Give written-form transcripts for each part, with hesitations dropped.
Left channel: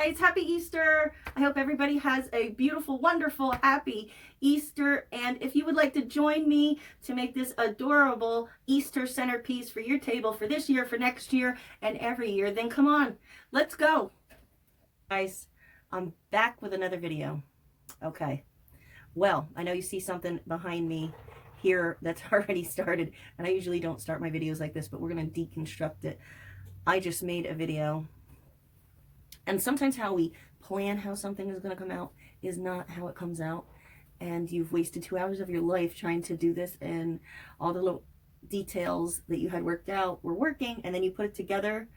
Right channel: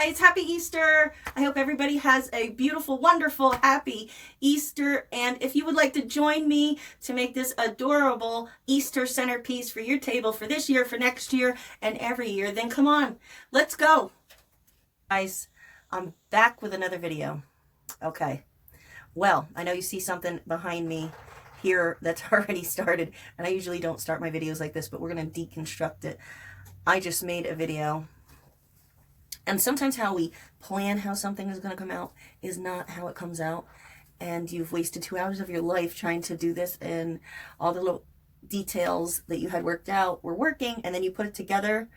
Guys, happy Easter. I hope everybody has a beautiful, wonderful, happy Easter. And if you would like to join me to make this adorable Easter centerpiece for your table for this year, for next year, and every year, then come on, let's go. Guys, I'm back with another video. Okay, well, I know you see something behind me here that's already started, and I usually don't start my videos like this, but we're going to deconstruct it. I just made a video. And sometimes how we plan how something is going to come out is not how it comes out. And you've wasted 2 hours of your life trying to do this, and all the little details that you had worked out were working, and then you put it together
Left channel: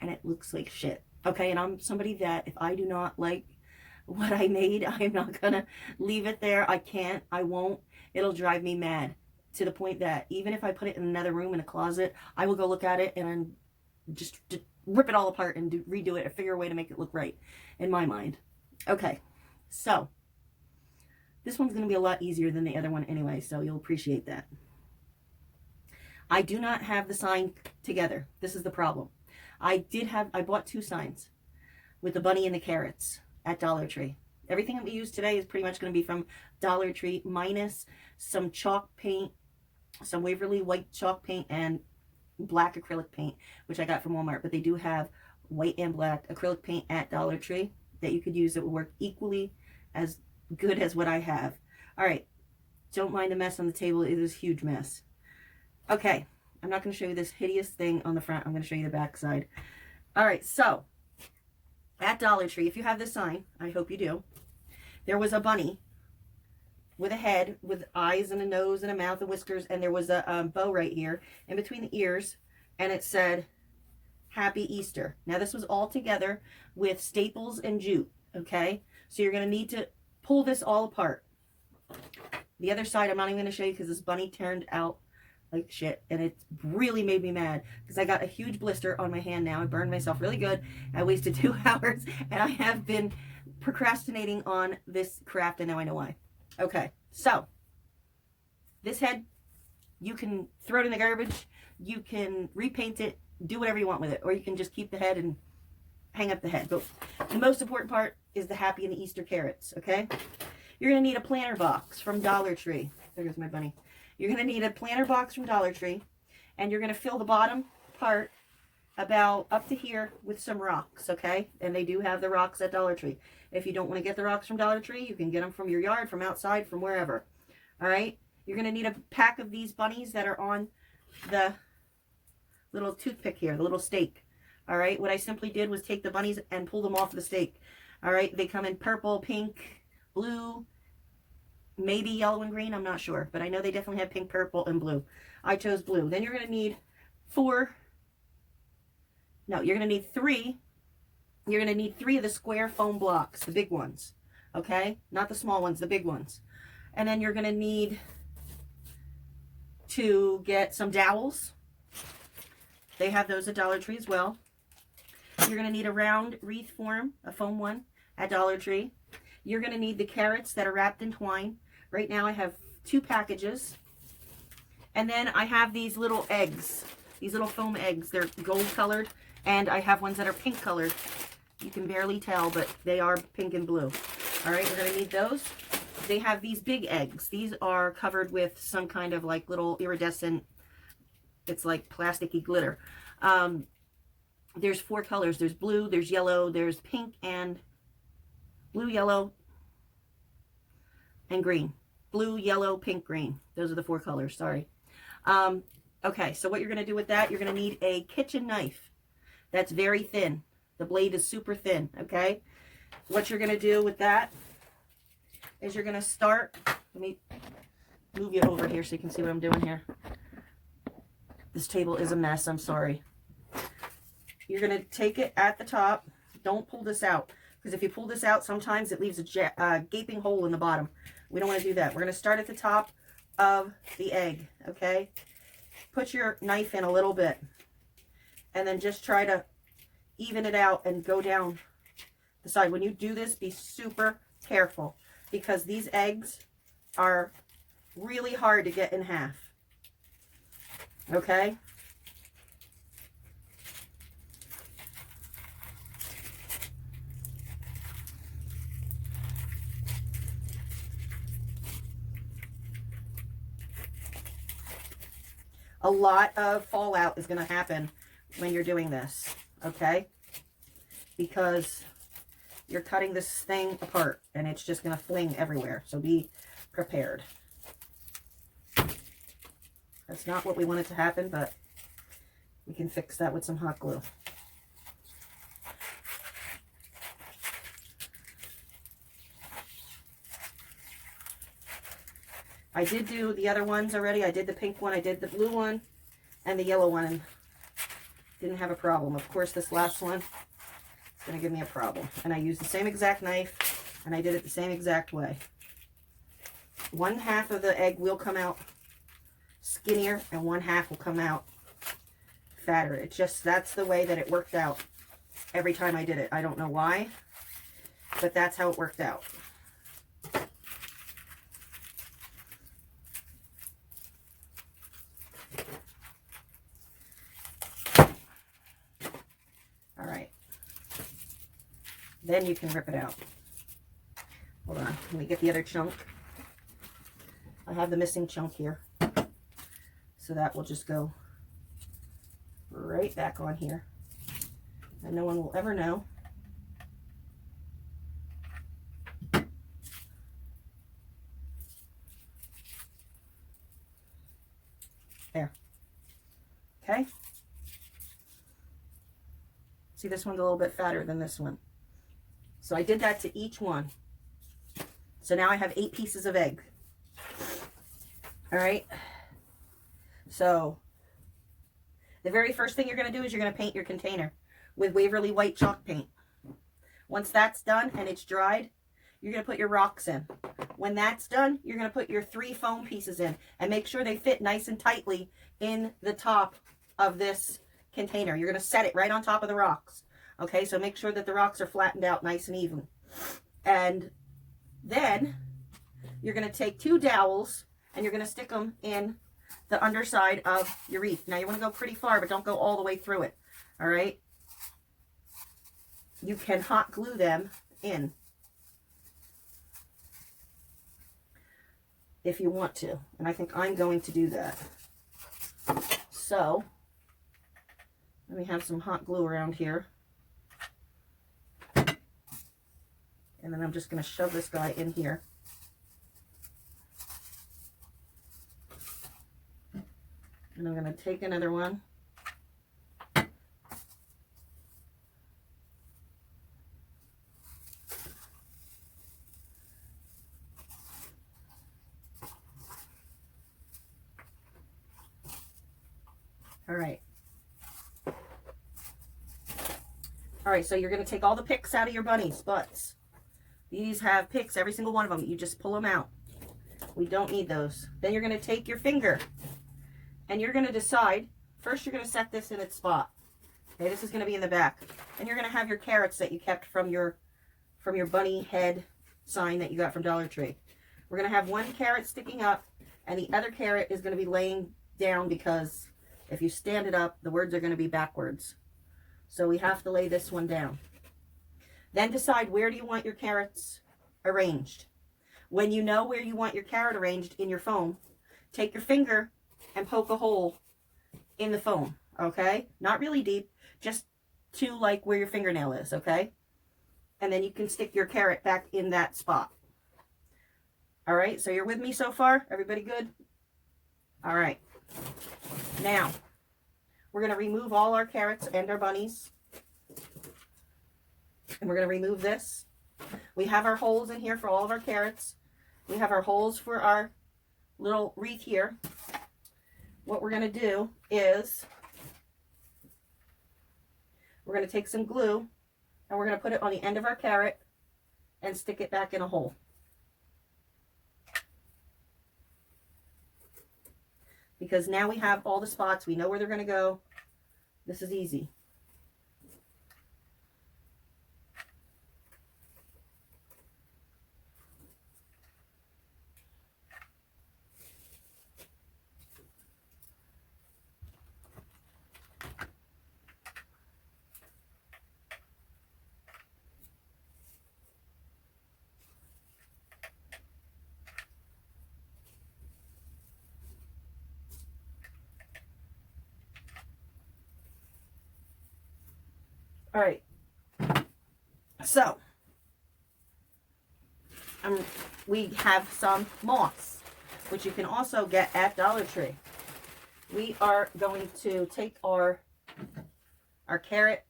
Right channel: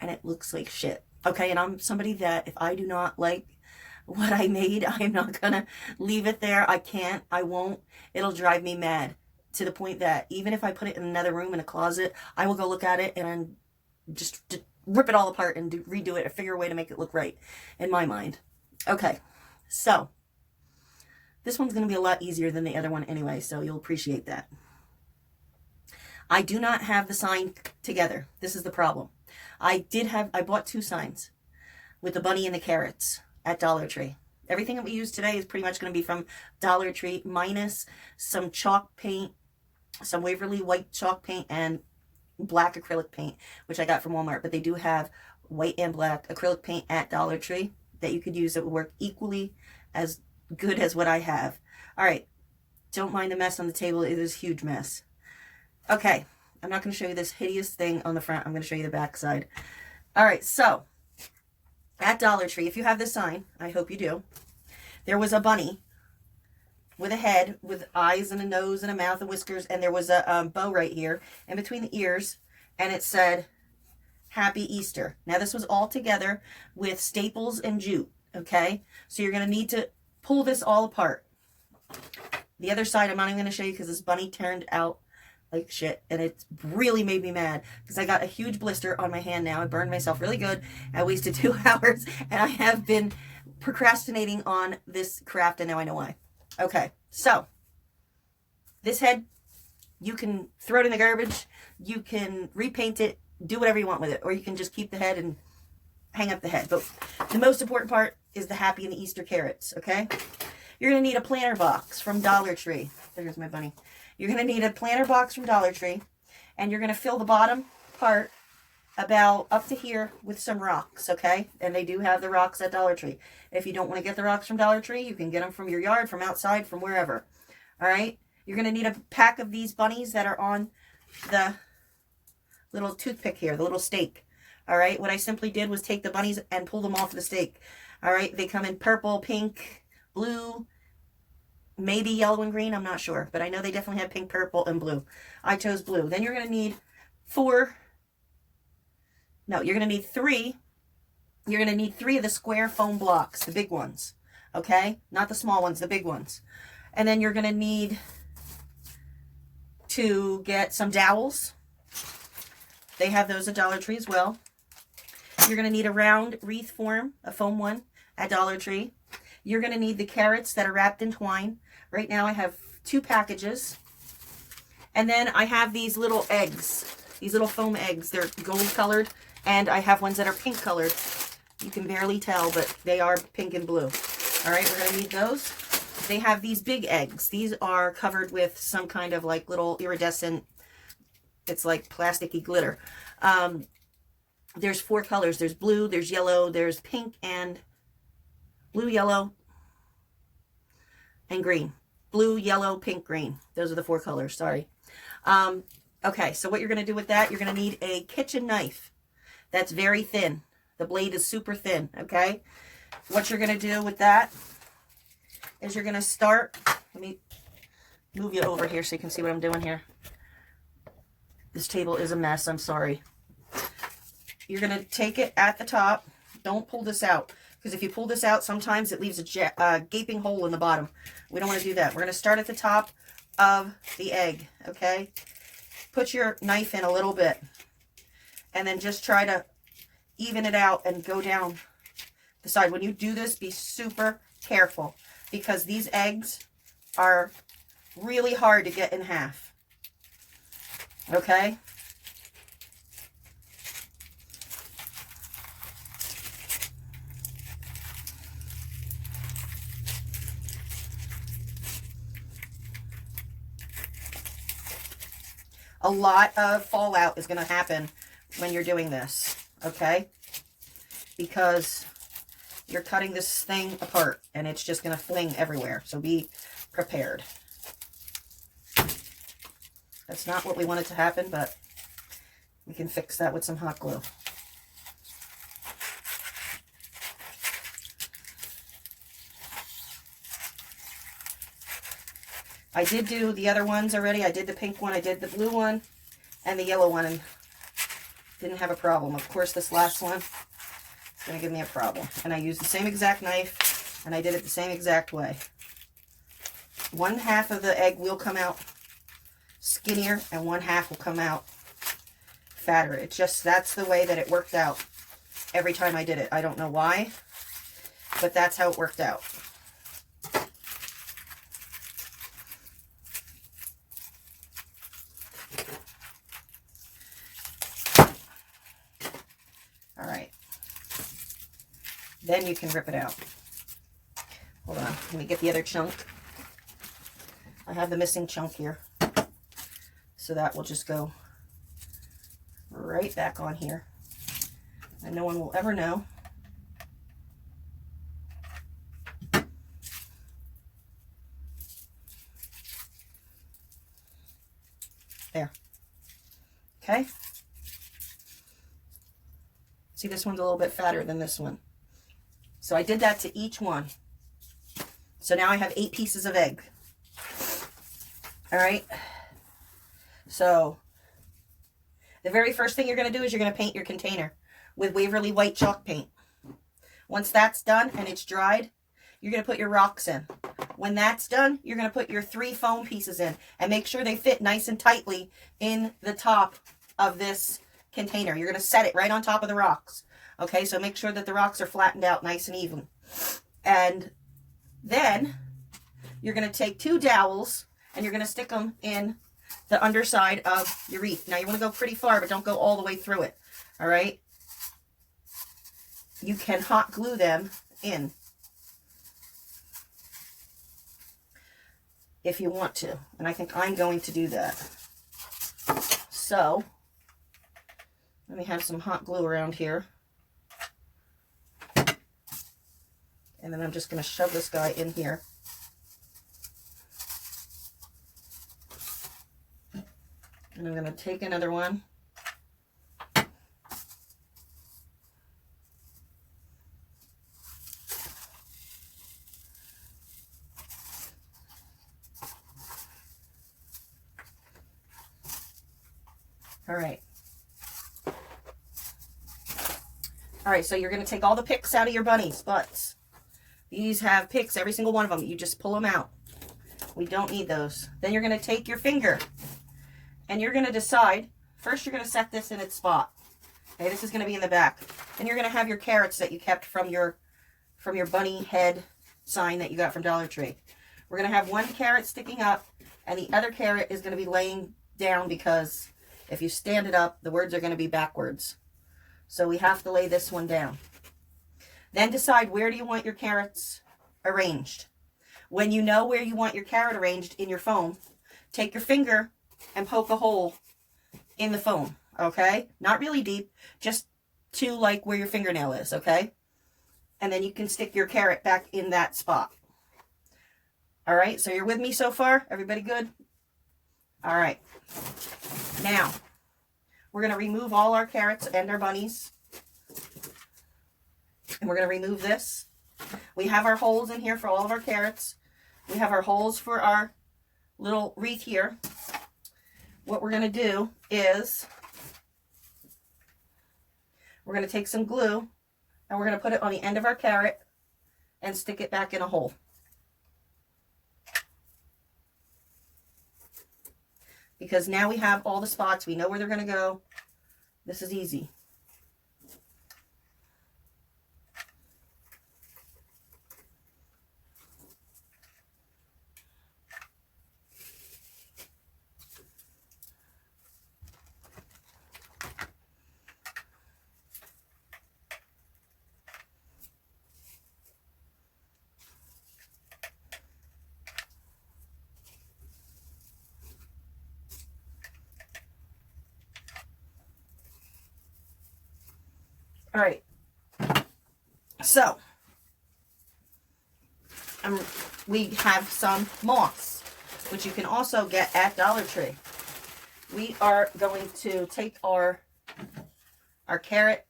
and it looks like shit. Okay, and I'm somebody that if I do not like what I made, I'm not going to leave it there. I can't. I won't. It'll drive me mad to the point that even if I put it in another room in a closet, I will go look at it and just rip it all apart and redo it or figure a way to make it look right in my mind. Okay, so this one's going to be a lot easier than the other one anyway, so you'll appreciate that. I do not have the sign together. This is the problem. I bought 2 signs with the bunny and the carrots at Dollar Tree. Everything that we use today is pretty much going to be from Dollar Tree, minus some chalk paint, some Waverly white chalk paint, and black acrylic paint, which I got from Walmart. But they do have white and black acrylic paint at Dollar Tree that you could use that would work equally as good as what I have. All right, don't mind the mess on the table. It is a huge mess. Okay, I'm not going to show you this hideous thing on the front. I'm going to show you the back side. All right, so at Dollar Tree, if you have this sign, I hope you do, there was a bunny with a head, with eyes and a nose and a mouth and whiskers, and there was a bow right here in between the ears, and it said Happy Easter. Now this was all together with staples and jute, okay? So you're going to need to pull this all apart. The other side I'm not even going to show you because this bunny turned out like shit, and it really made me mad because I got a huge blister on my hand now. I burned myself really good. I wasted 2 hours, and I have been procrastinating on this craft, and now I know why. Okay, so this head, you can throw it in the garbage, you can repaint it, do whatever you want with it, or you can just keep the head and hang up the head. But the most important part is the happy and the Easter carrots, okay? You're going to need a planter box from Dollar Tree. There's my bunny. You're going to need a planter box from Dollar Tree, and you're going to fill the bottom part about up to here with some rocks, okay? And they do have the rocks at Dollar Tree. If you don't want to get the rocks from Dollar Tree, you can get them from your yard, from outside, from wherever. All right? You're going to need a pack of these bunnies that are on the little toothpick here, the little stake. All right? What I simply did was take the bunnies and pull them off the stake. All right? They come in purple, pink, blue, maybe yellow and green. I'm not sure. But I know they definitely have pink, purple, and blue. I chose blue. Then you're going to need 3. You're going to need 3 of the square foam blocks, the big ones, okay? Not the small ones, the big ones. And then you're going to need to get some dowels. They have those at Dollar Tree as well. You're going to need a round wreath form, a foam one, at Dollar Tree. You're going to need the carrots that are wrapped in twine. Right now I have 2 packages. And then I have these little eggs, these little foam eggs. They're gold colored. And I have ones that are pink colored. You can barely tell, but they are pink and blue. All right, we're going to need those. They have these big eggs. These are covered with some kind of like little iridescent, it's like plasticky glitter. There's 4 colors. There's blue, there's yellow, there's pink, and blue, yellow, and green. Blue, yellow, pink, green. Those are the 4 colors, sorry. Okay, so what you're going to do with that, you're going to need a kitchen knife. That's very thin. The blade is super thin, okay? What you're going to do with that is you're going to start, let me move you over here so you can see what I'm doing here. This table is a mess, I'm sorry. You're going to take it at the top. Don't pull this out, because if you pull this out, sometimes it leaves a gaping hole in the bottom. We don't want to do that. We're going to start at the top of the egg, okay? Put your knife in a little bit. And then just try to even it out and go down the side. When you do this, be super careful because these eggs are really hard to get in half. Okay? a lot of fallout is going to happen when you're doing this, okay? Because you're cutting this thing apart and it's just going to fling everywhere. So be prepared. That's not what we wanted to happen, but we can fix that with some hot glue. I did do the other ones already. I did the pink one, I did the blue one, and the yellow one, and didn't have a problem. Of course, this last one is going to give me a problem. And I used the same exact knife, and I did it the same exact way. One half of the egg will come out skinnier, and one half will come out fatter. It's just, that's the way that it worked out every time I did it. I don't know why, but that's how it worked out. All right. Then you can rip it out. Hold on, let me get the other chunk. I have the missing chunk here. So that will just go right back on here. And no one will ever know. There. Okay. See, this one's a little bit fatter than this one. So I did that to each one. So now I have 8 pieces of egg. All right. So the very first thing you're going to do is you're going to paint your container with Waverly white chalk paint. Once that's done and it's dried, you're going to put your rocks in. When that's done, you're going to put your 3 foam pieces in and make sure they fit nice and tightly in the top of this container. You're going to set it right on top of the rocks. Okay, so make sure that the rocks are flattened out nice and even. And then you're going to take 2 dowels and you're going to stick them in the underside of your wreath. Now you want to go pretty far, but don't go all the way through it. All right. You can hot glue them in if you want to. And I think I'm going to do that. So let me have some hot glue around here. And then I'm just going to shove this guy in here. And I'm going to take another one. All right. All right, so you're going to take all the picks out of your bunnies' butts. These have picks, every single one of them. You just pull them out. We don't need those. Then you're going to take your finger and you're going to decide, first you're going to set this in its spot. Okay, this is going to be in the back. And you're going to have your carrots that you kept from your bunny head sign that you got from Dollar Tree. We're going to have one carrot sticking up and the other carrot is going to be laying down because if you stand it up, the words are going to be backwards. So we have to lay this one down. Then decide, where do you want your carrots arranged? When you know where you want your carrot arranged in your foam, take your finger and poke a hole in the foam, okay? Not really deep, just to like where your fingernail is, okay? And then you can stick your carrot back in that spot. All right, so you're with me so far? Everybody good? All right. Now, we're going to remove all our carrots and our bunnies. And we're going to remove this. We have our holes in here for all of our carrots. We have our holes for our little wreath here. What we're going to do is we're going to take some glue and we're going to put it on the end of our carrot and stick it back in a hole. Because now we have all the spots. We know where they're going to go. This is easy. All right. So, we have some moss, which you can also get at Dollar Tree. We are going to take our carrot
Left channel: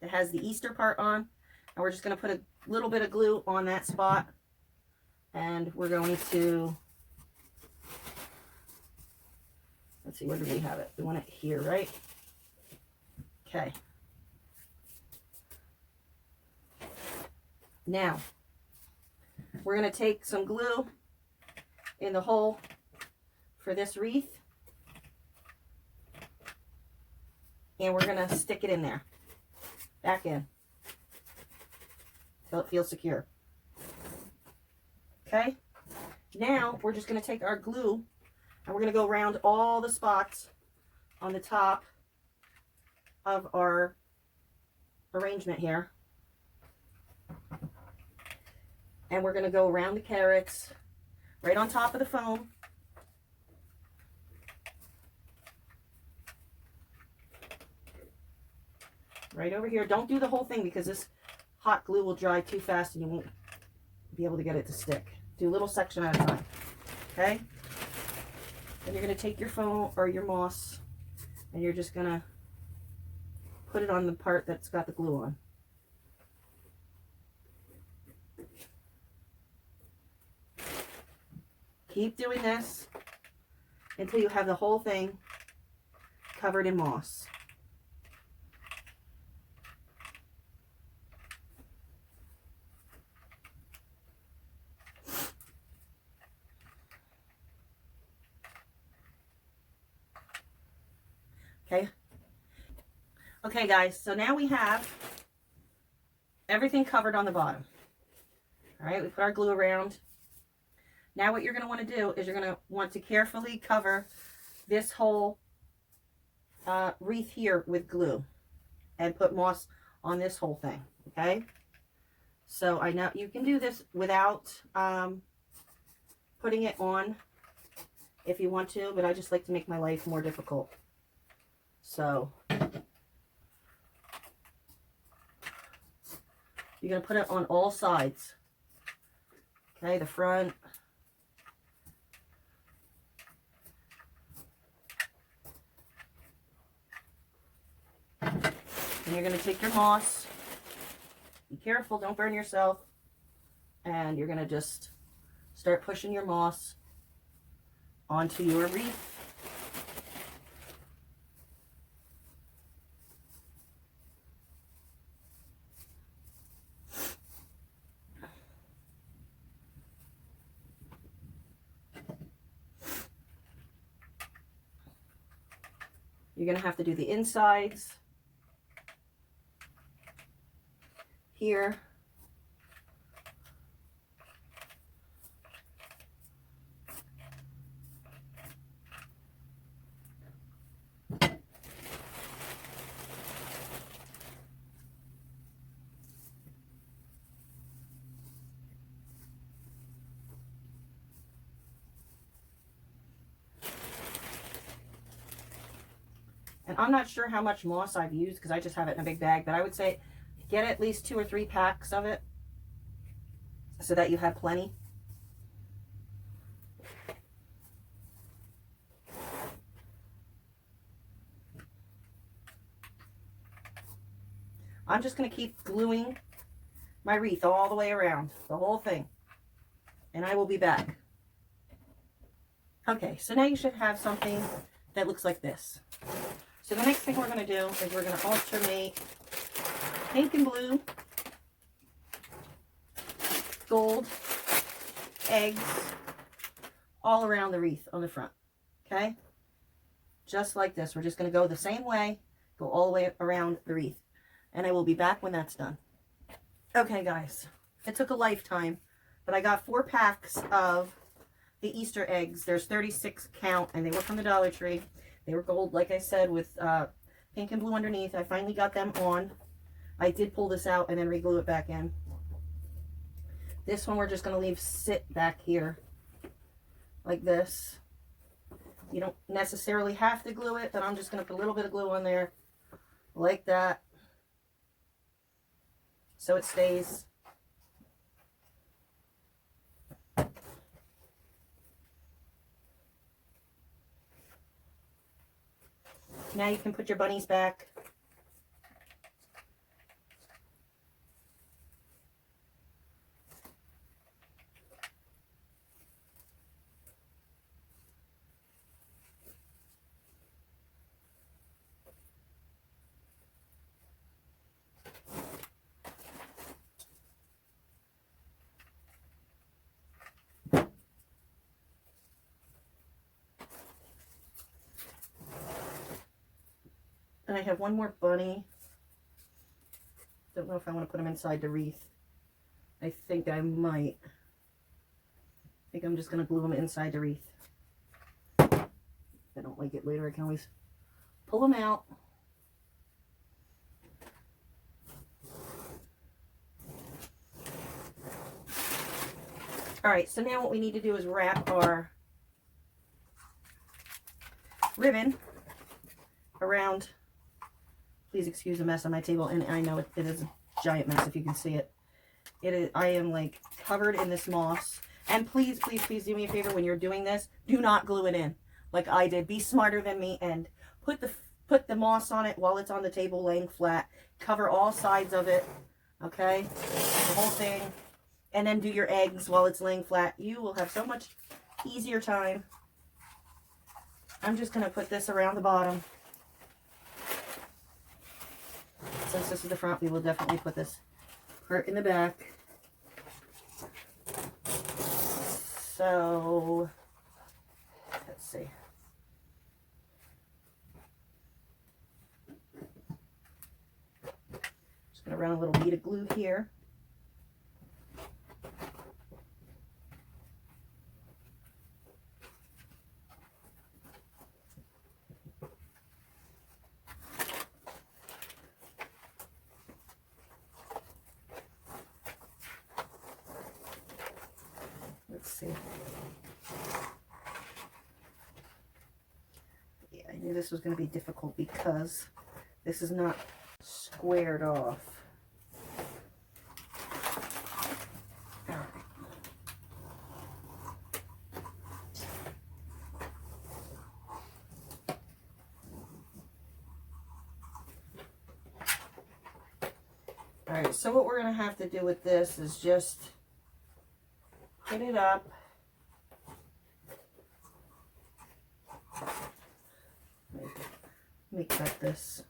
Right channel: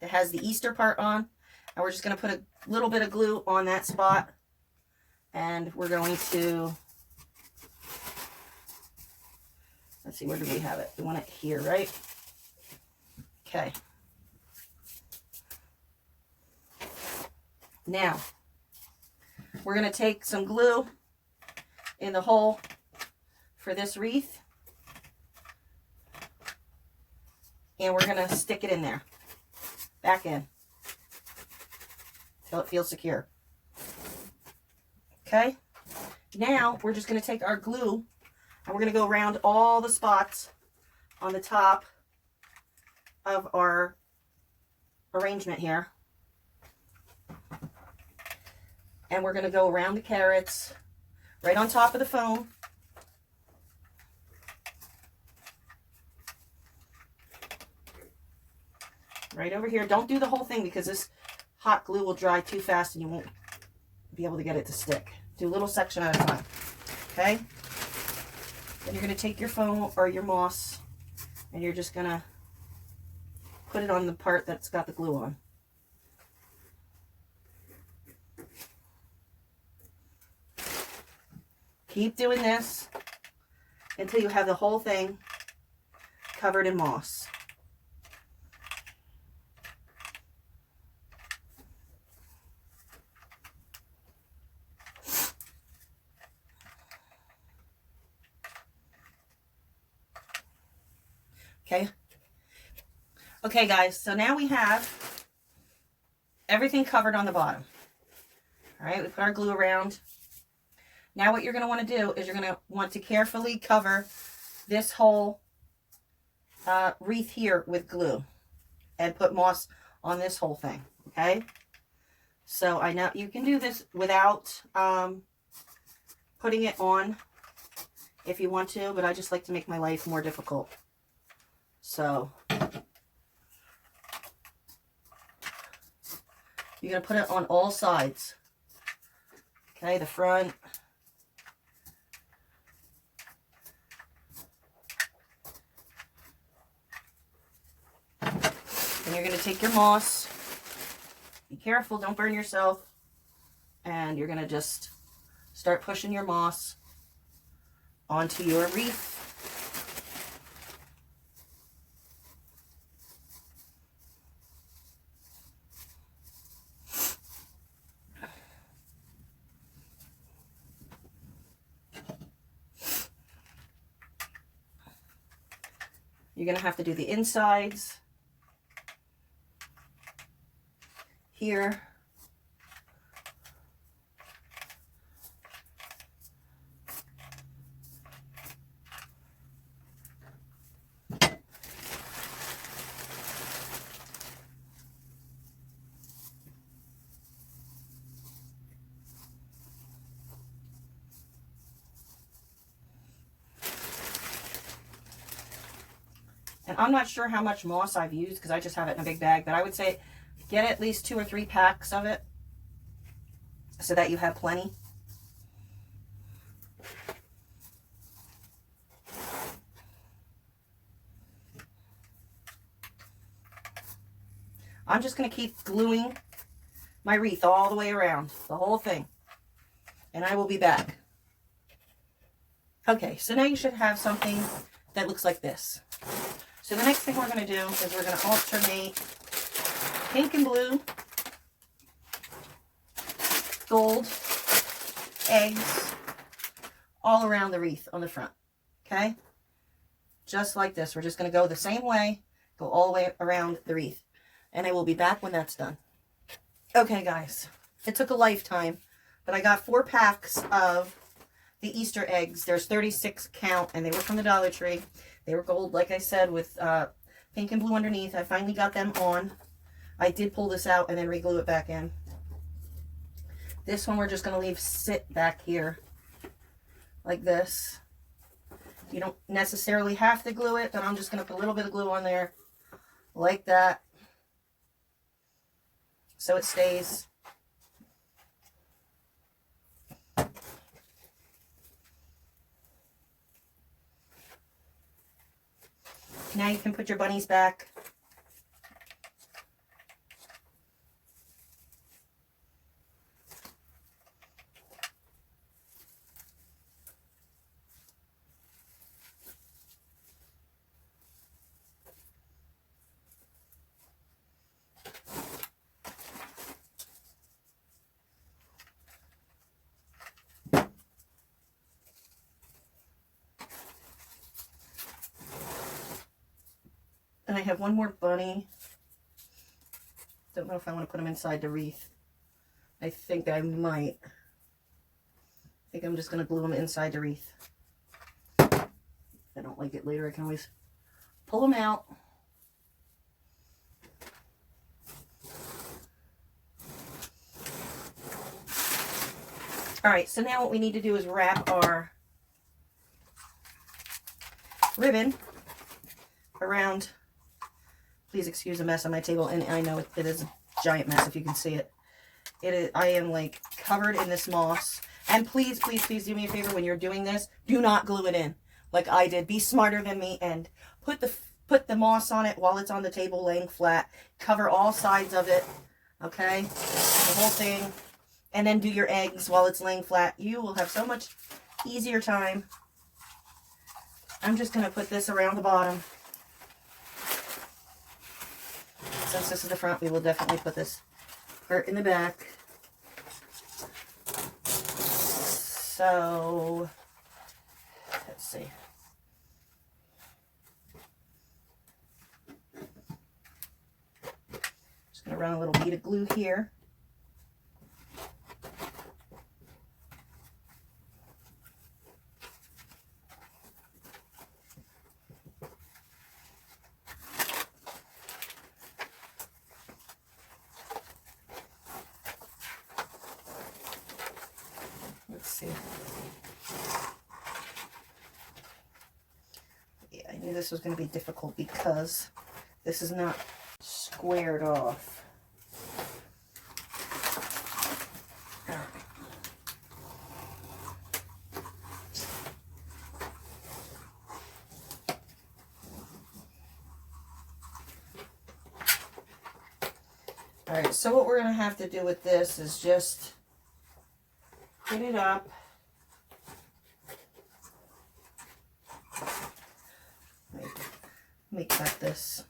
that has the Easter part on, and we're just going to put a little bit of glue on that spot, and we're going to, let's see, where do we have it? We want it here, right? Okay. Now, we're going to take some glue in the hole for this wreath, and we're going to stick it in there, back in, until it feels secure. Okay? Now, we're just going to take our glue, and we're going to go around all the spots on the top of our arrangement here. And we're going to go around the carrots, right on top of the foam. Right over here. Don't do the whole thing because this hot glue will dry too fast and you won't be able to get it to stick. Do a little section at a time. Okay? Then you're going to take your foam or your moss and you're just going to put it on the part that's got the glue on. Keep doing this until you have the whole thing covered in moss. Okay. Okay, guys, so now we have everything covered on the bottom. All right, we put our glue around. Now what you're going to want to do is you're going to want to carefully cover this whole wreath here with glue and put moss on this whole thing, okay? So I know you can do this without putting it on if you want to, but I just like to make my life more difficult. So you're going to put it on all sides, okay? The front, and you're going to take your moss, be careful, don't burn yourself, and you're going to just start pushing your moss onto your wreath. You're going to have to do the insides here. And I'm not sure how much moss I've used because I just have it in a big bag, but I would say get at least 2 or 3 packs of it so that you have plenty. I'm just going to keep gluing my wreath all the way around, the whole thing, and I will be back. Okay, so now you should have something that looks like this. So the next thing we're going to do is we're going to alternate pink and blue, gold, eggs, all around the wreath on the front, okay? Just like this. We're just going to go the same way, go all the way around the wreath. And I will be back when that's done. Okay, guys, it took a lifetime, but I got 4 packs of the Easter eggs. There's 36 count, and they were from the Dollar Tree. They were gold, like I said, with pink and blue underneath. I finally got them on. I did pull this out and then re-glue it back in. This one we're just going to leave sit back here like this. You don't necessarily have to glue it, but I'm just going to put a little bit of glue on there like that. so it stays. Now you can put your bunnies back. And I have one more bunny. Don't know if I want to put him inside the wreath. I think I might. I think I'm just going to glue him inside the wreath. If I don't like it later, I can always pull him out. All right, so now what we need to do is wrap our ribbon around. Please excuse the mess on my table, and I know it is a giant mess if you can see it. It is. I am like covered in this moss. And please, please, please do me a favor when you're doing this. Do not glue it in like I did. Be smarter than me and put the moss on it while it's on the table laying flat. Cover all sides of it, okay? The whole thing. And then do your eggs while it's laying flat. You will have so much easier time. I'm just going to put this around the bottom. Since this is the front, we will definitely put this part in the back. So, let's see. Just going to run a little bead of glue here. Yeah, I knew this was going to be difficult because this is not squared off. All right, so what we're going to have to do with this is just put it up. Let me cut this.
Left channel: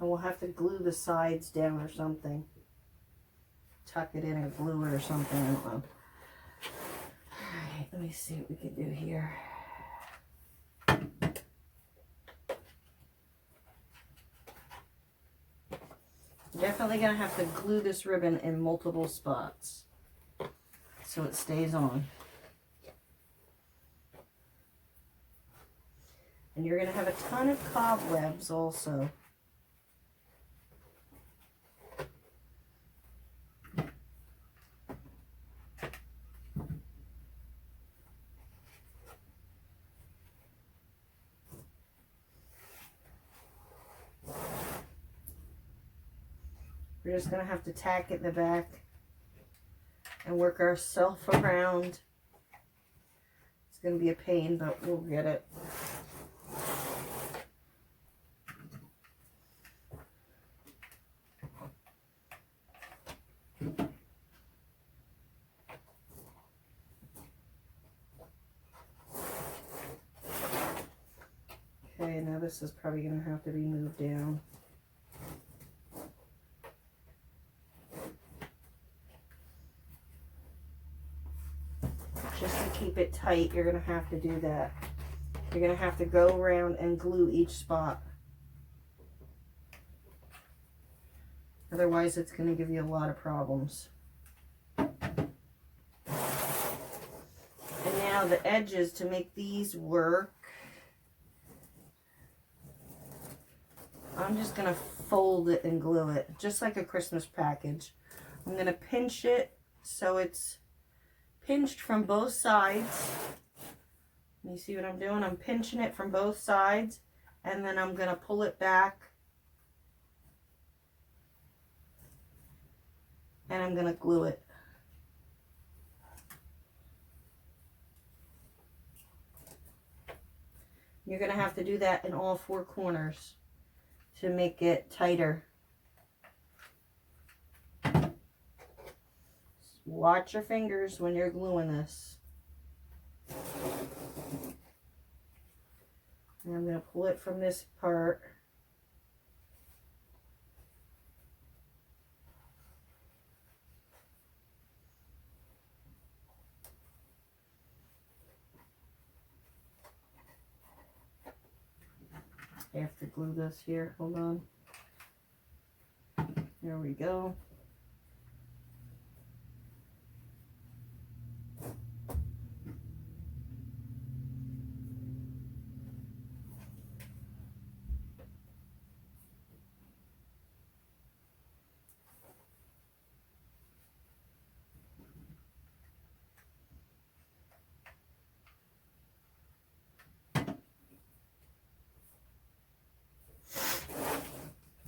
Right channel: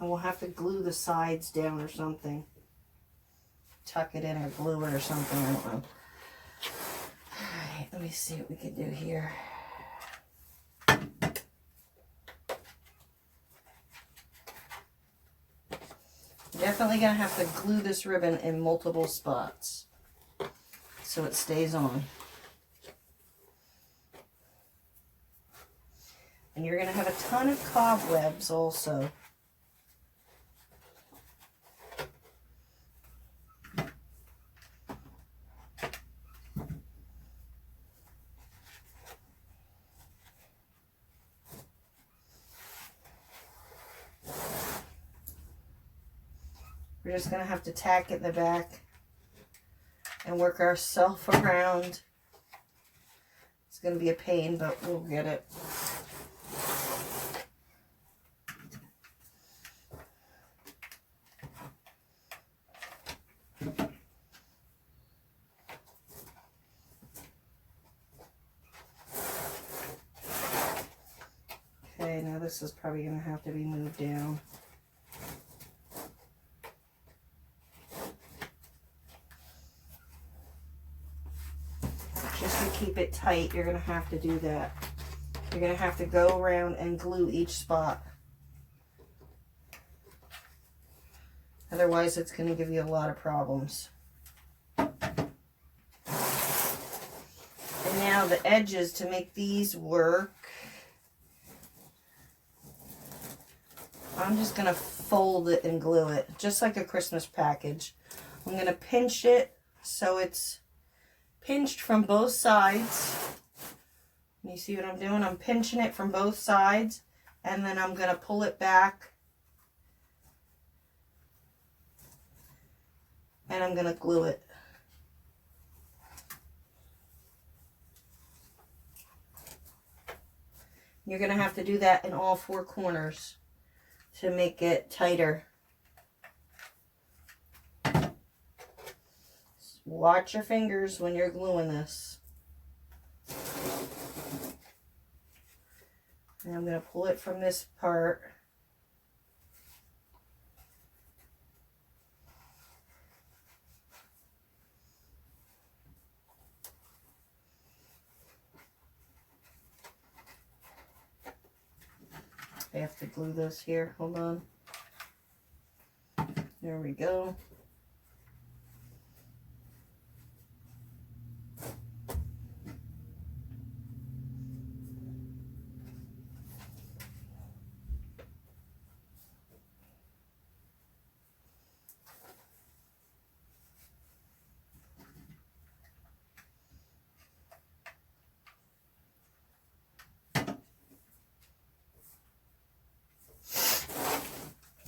And we'll have to glue the sides down or something. Tuck it in or glue it or something. I don't know. Alright, let me see what we can do here. Definitely going to have to glue this ribbon in multiple spots so it stays on. And you're going to have a ton of cobwebs also. We're just going to have to tack it in the back and work ourselves around. It's going to be a pain, but we'll get it. Okay, now this is probably going to have to be moved down. Just to keep it tight, you're going to have to do that. You're going to have to go around and glue each spot. Otherwise, it's going to give you a lot of problems. And now now the edges to make these work. I'm just going to fold it and glue it, just like a Christmas package. I'm going to pinch it so it's pinched from both sides. You see what I'm doing? I'm pinching it from both sides, and then I'm going to pull it back, and I'm going to glue it. You're going to have to do that in all four corners to make it tighter. Watch your fingers when you're gluing this. And I'm going to pull it from this part. I have to glue this here. Hold on. There we go.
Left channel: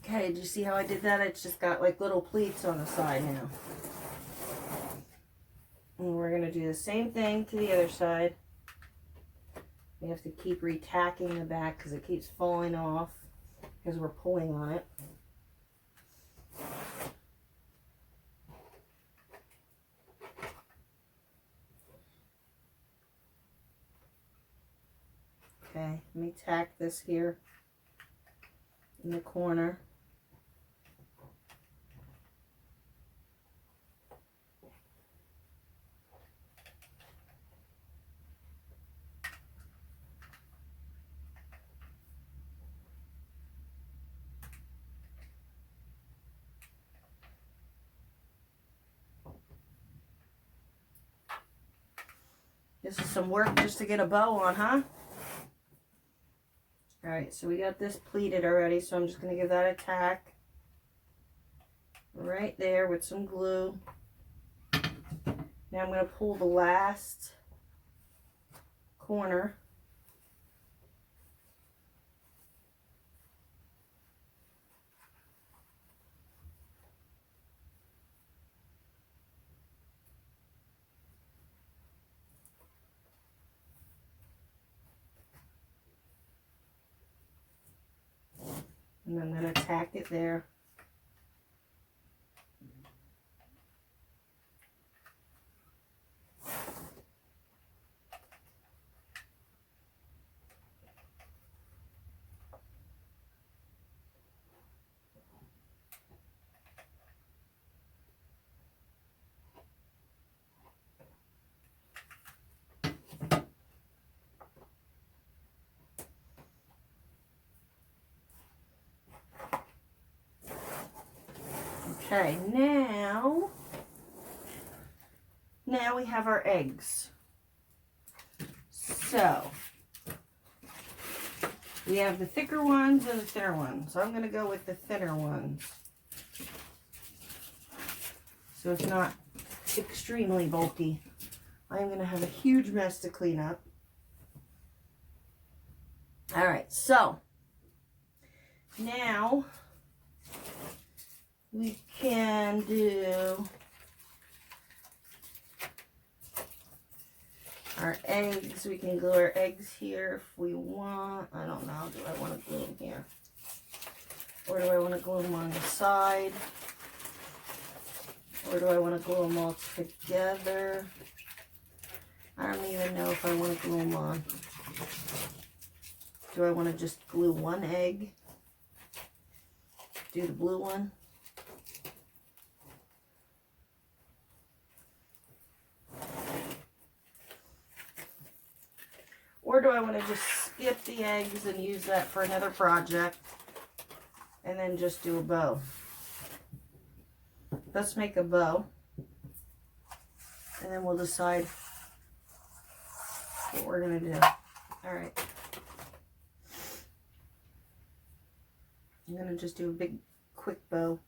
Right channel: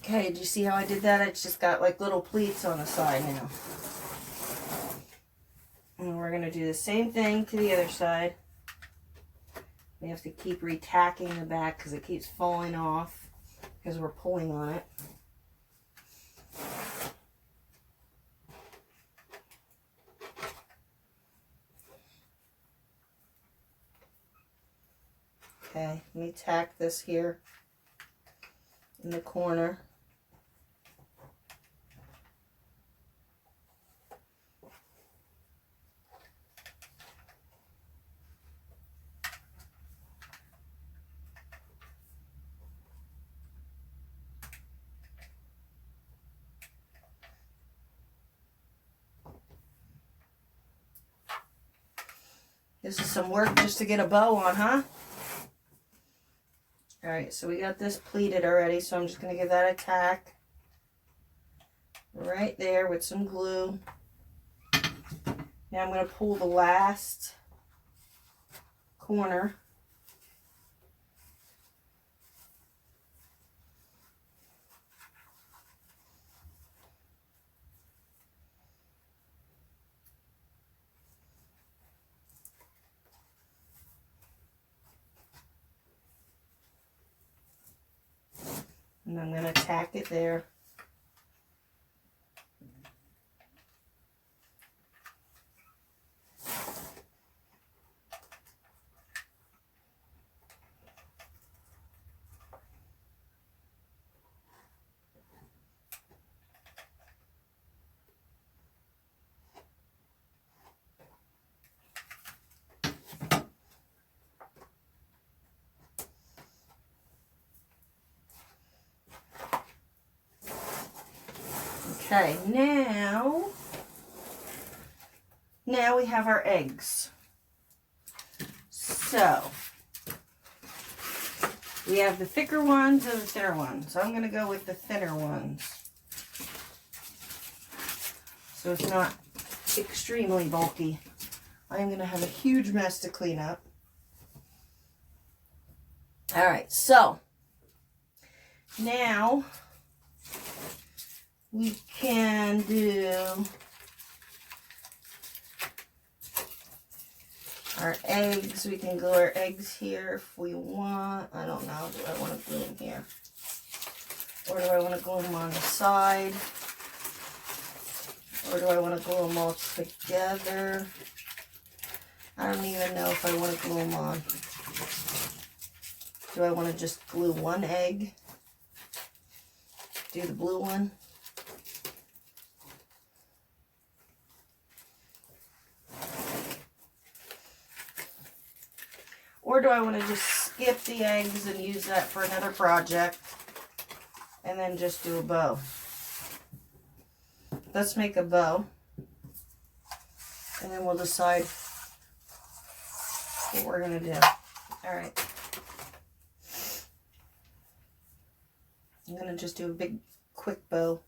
Okay, did you see how I did that? It's just got like little pleats on the side now. And we're going to do the same thing to the other side. We have to keep retacking the back because it keeps falling off because we're pulling on it. Okay, let me tack this here in the corner. This is some work just to get a bow on, huh? All right, so we got this pleated already, so I'm just going to give that a tack right there with some glue. Now I'm going to pull the last corner. And I'm going to tack it there. Okay, now we have our eggs. So, we have the thicker ones and the thinner ones. So I'm going to go with the thinner ones, so it's not extremely bulky. I'm going to have a huge mess to clean up. All right, so now we can do our eggs. We can glue our eggs here if we want. I don't know. Do I want to glue them here? Or do I want to glue them on the side? Or do I want to glue them all together? I don't even know if I want to glue them on. Do I want to just glue one egg? Do the blue one? Or do I want to just skip the eggs and use that for another project and then just do a bow? Let's make a bow and then we'll decide what we're going to do. All right. I'm going to just do a big, quick bow.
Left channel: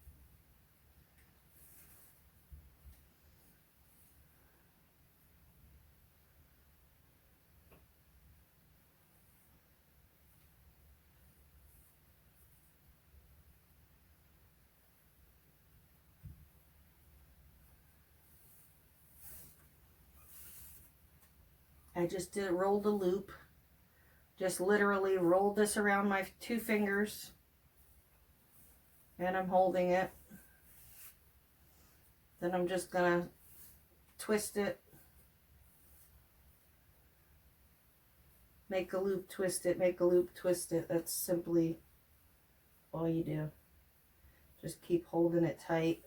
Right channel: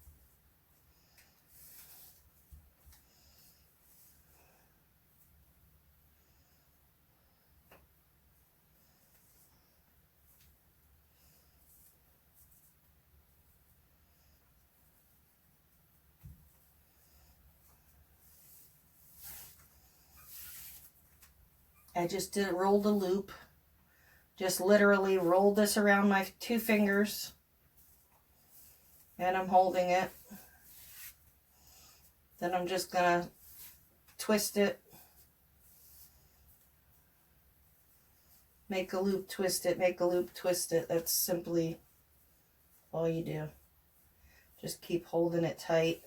I just rolled a loop. Just literally rolled this around my 2 fingers. And I'm holding it. Then I'm just going to twist it. Make a loop, twist it, make a loop, twist it. That's simply all you do. Just keep holding it tight.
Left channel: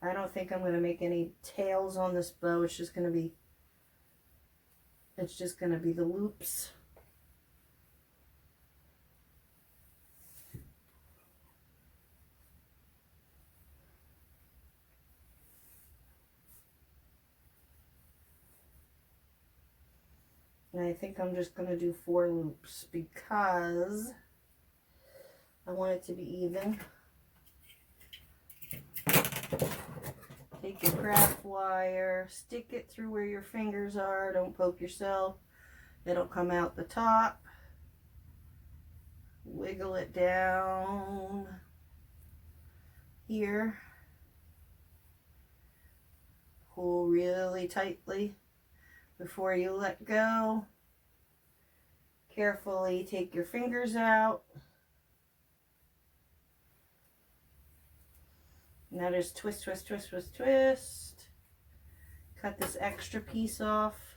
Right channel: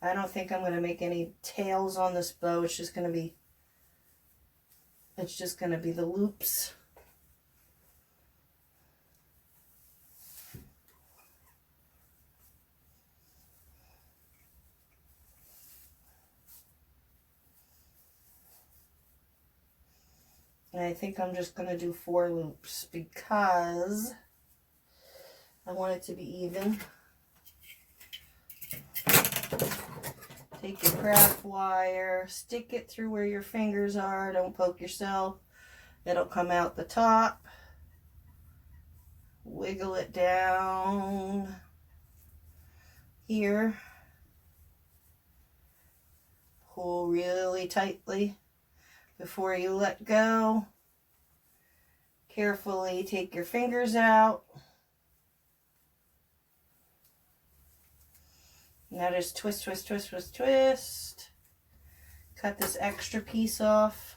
I don't think I'm going to make any tails on this bow. It's just going to be the loops. And I think I'm just going to do 4 loops because I want it to be even. Take your craft wire, stick it through where your fingers are. Don't poke yourself. It'll come out the top. Wiggle it down here. Pull really tightly before you let go. Carefully take your fingers out. Now just twist, twist, twist, twist, twist. Cut this extra piece off.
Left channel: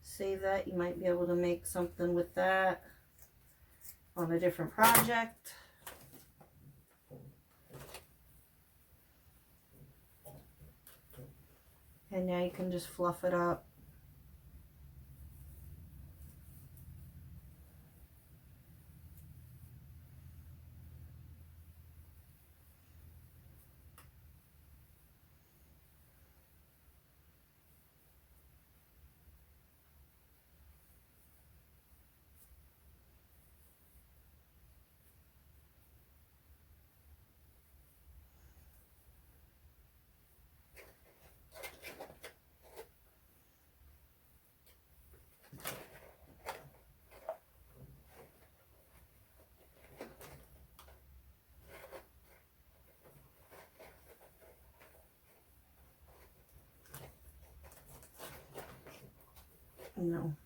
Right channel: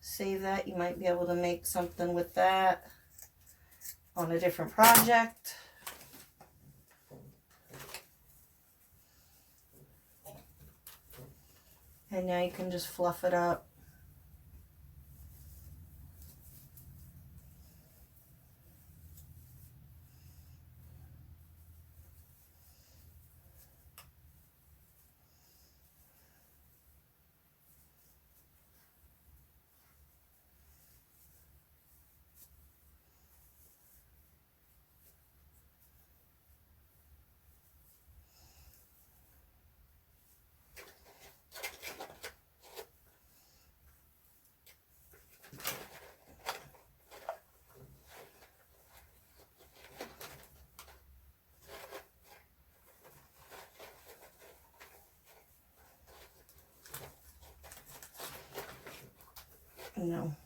Save that. You might be able to make something with that on a different project. And now you can just fluff it up. No,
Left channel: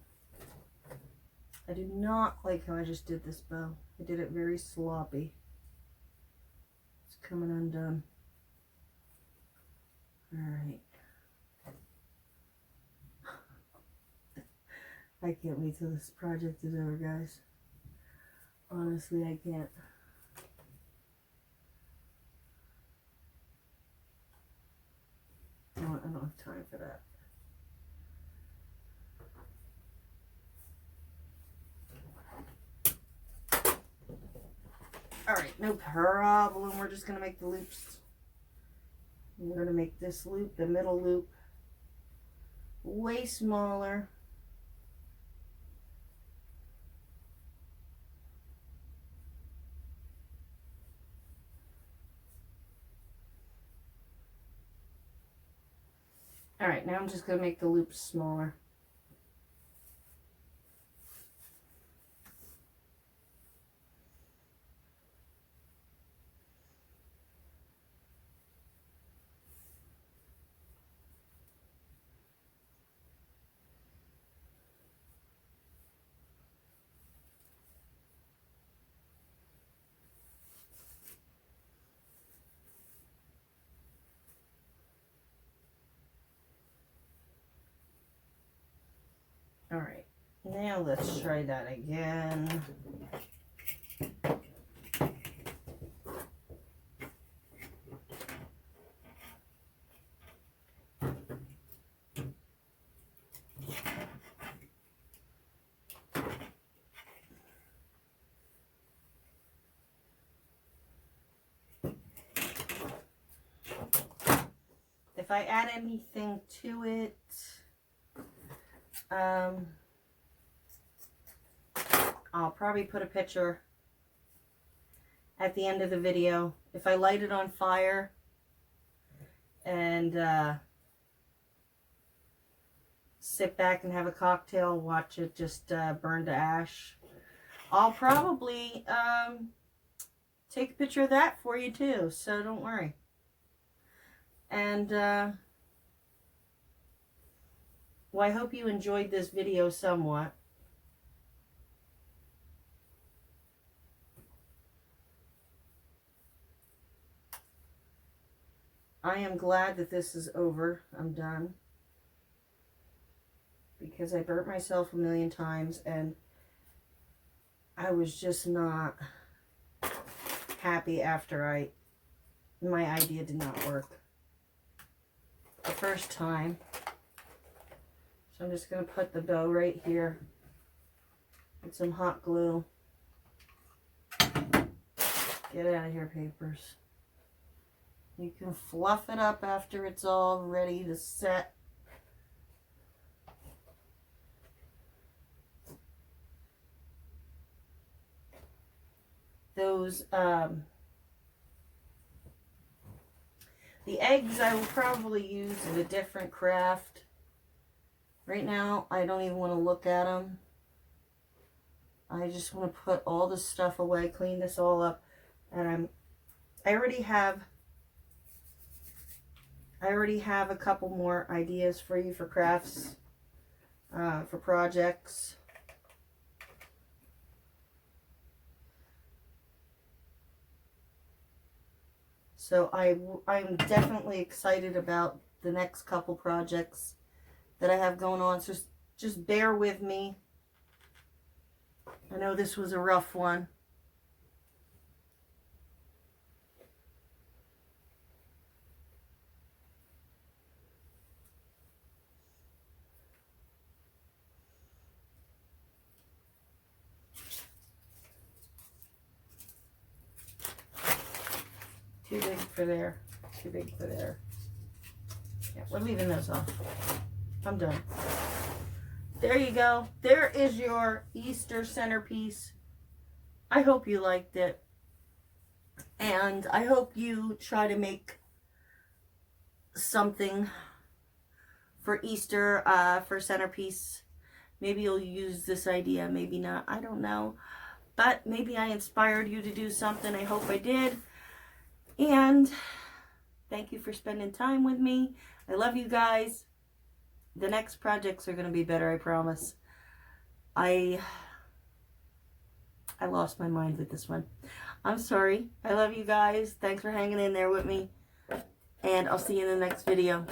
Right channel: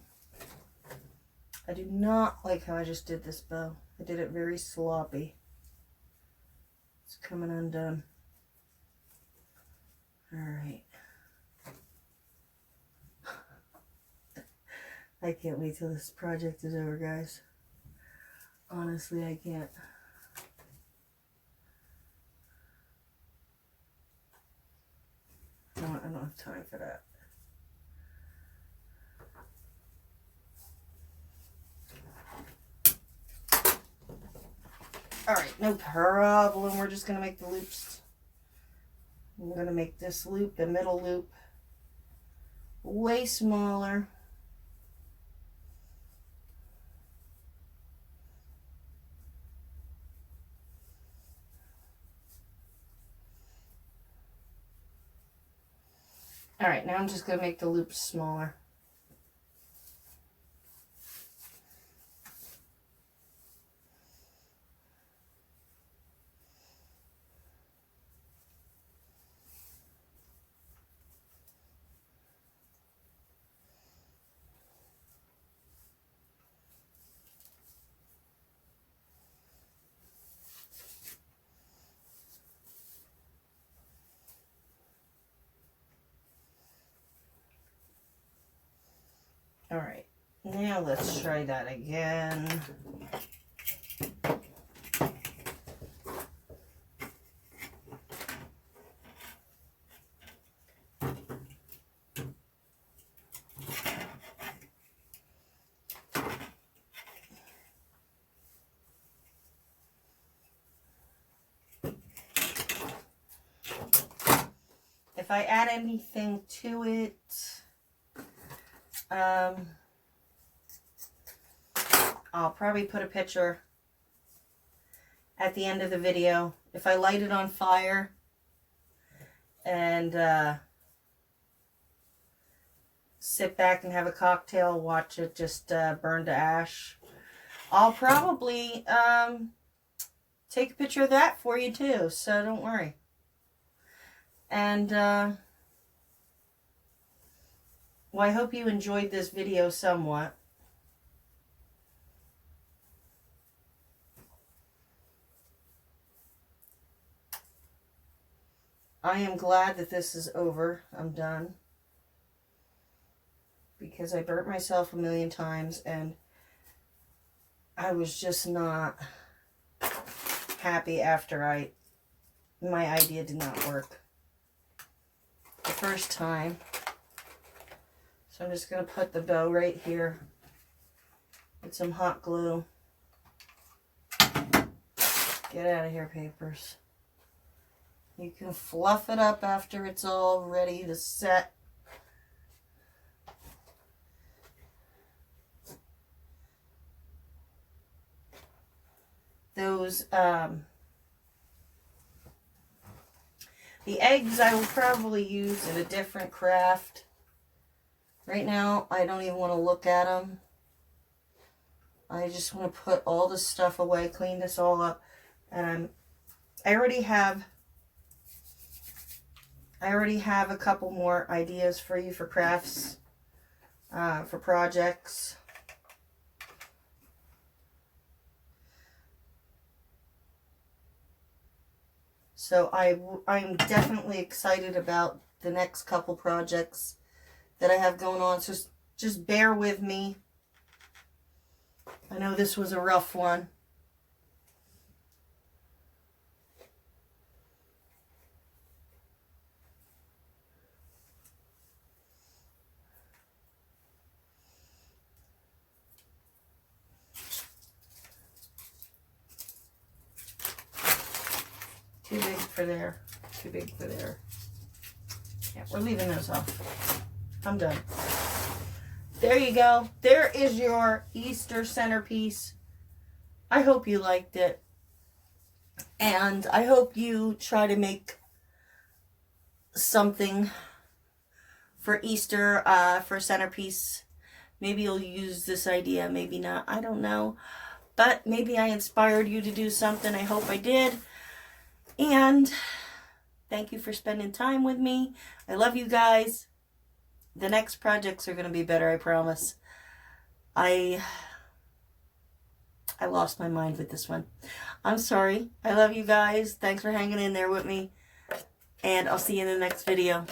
I do not like how I just did this bow. I did it very sloppy. It's coming undone. All right. I can't wait till this project is over, guys. Honestly, I can't. No, I don't have time for that. All right, no problem. We're just going to make the loops. I'm going to make this loop, the middle loop, way smaller. All right, now I'm just going to make the loops smaller. All right, now let's try that again. If I add anything to it, I'll probably put a picture at the end of the video. If I light it on fire and sit back and have a cocktail, watch it just burn to ash, I'll probably take a picture of that for you too, so don't worry. And well, I hope you enjoyed this video somewhat. I am glad that this is over. I'm done. Because I burnt myself a million times and I was just not happy after my idea did not work the first time. So I'm just going to put the bow right here with some hot glue. Get out of here, papers. You can fluff it up after it's all ready to set. Those, the eggs I will probably use in a different craft. Right now, I don't even want to look at them. I just want to put all this stuff away, clean this all up. And I already have a couple more ideas for you for crafts, for projects. So I'm definitely excited about the next couple projects that I have going on. So just bear with me. I know this was a rough one. Too big for there. Too big for there. Yeah, we're leaving those off. I'm done. There you go. There is your Easter centerpiece. I hope you liked it. And I hope you try to make something for Easter, for centerpiece. Maybe you'll use this idea, maybe not. I don't know. But maybe I inspired you to do something. I hope I did. And thank you for spending time with me. I love you guys. The next projects are going to be better, I promise. I lost my mind with this one. I'm sorry. I love you guys. Thanks for hanging in there with me. And I'll see you in the next video.